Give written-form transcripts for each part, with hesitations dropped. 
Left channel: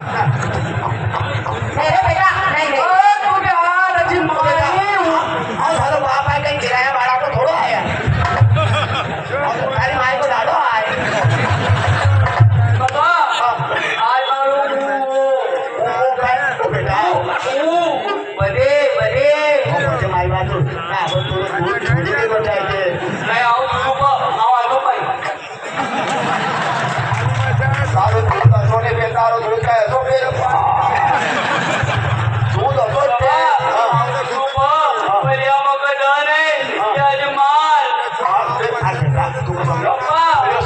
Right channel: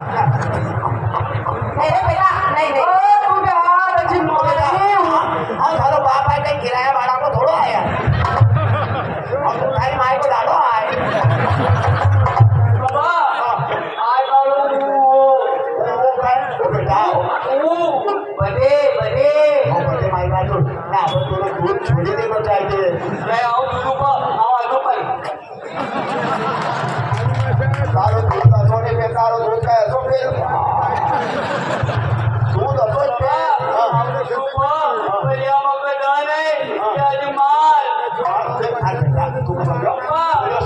नहीं रे बेटा नहीं रे तू यार अजी मारी और सारा बाप है कहीं किराया भाड़ा को थोड़ा आया तुम्हारी माँ को डालो आए बाबा आय बालू बेटा बदे बदे मुझे माई बात तो मैं अब तो छोड़ी देना चाहिए मैं आऊं तो आवाज तो पाई सारे सोने बेकार हो गया है तो फिर तू तो बोलते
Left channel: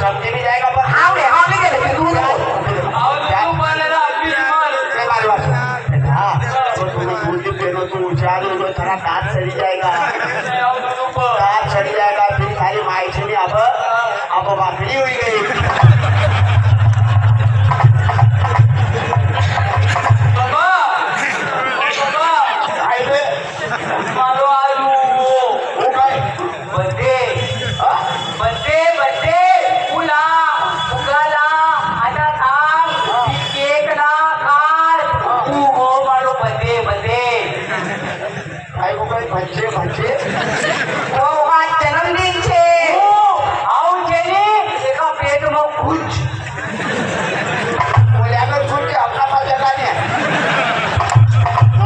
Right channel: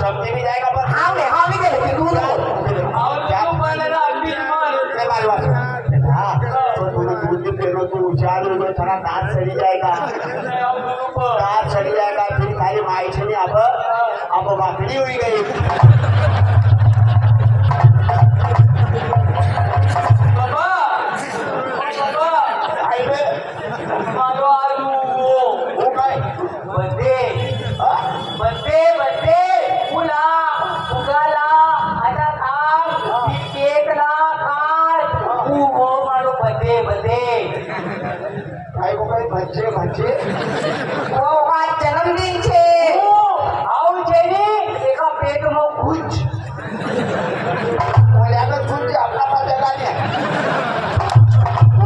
सब्जी भी जाएगा पर हाँ रे हाँ नहीं दे तू थोड़ा दांत सड़ी जाएगा दांत सड़ी जाएगा फिर खाली माई छनी अब वाकड़ी हुई गई बच्चे बच्चे ओ आज जन्मदिन छे આવું છે ને એકા પેટમાં ભૂજ बोले अगर छूट के अपना पास जगह नहीं है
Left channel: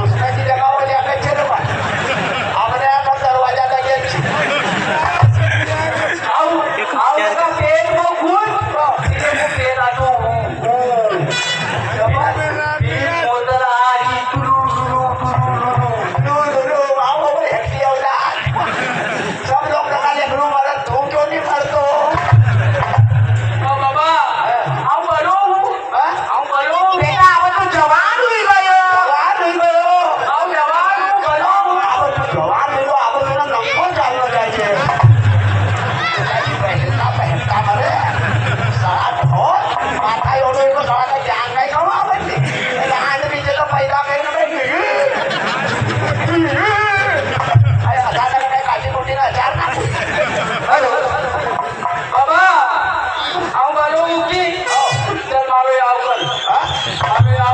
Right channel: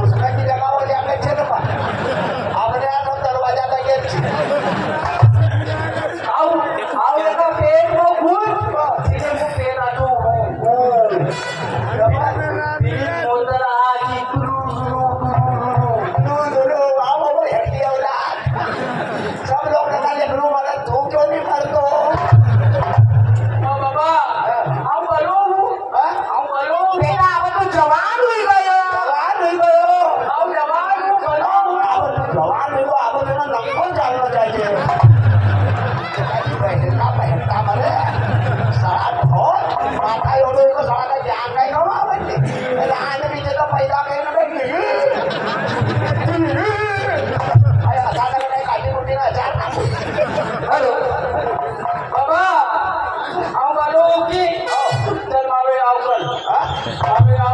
उसमें की जगह बोले अगर चले पास अपने यहाँ सब दरवाजा तक एक छी આવું એકા પેટમાં ભૂજ એટલે હું પેલા તો મોદરા આજી ટુરુ आओ बोले हेक्टी होता सब लोग कहा ले ग्रुप वाला धूम क्यों नहीं करतो બાબા આવું બોલો हाँ આવું બોલો बेटा अब तो जवान हुई गयो जवान नहीं गयो આવું જવાન હું બોલો जवान नहीं गयो अब तो नंबर जानो चाहिए पहनता मरे साथ हो माता योडो को साथ जान नहीं करो आवते लान भी चलो पैदा करने में आय हजार का काटी रोटी ना हजार ना બાબા આવું બોલો કે ચાલ મારો આવું કર हाँ મારો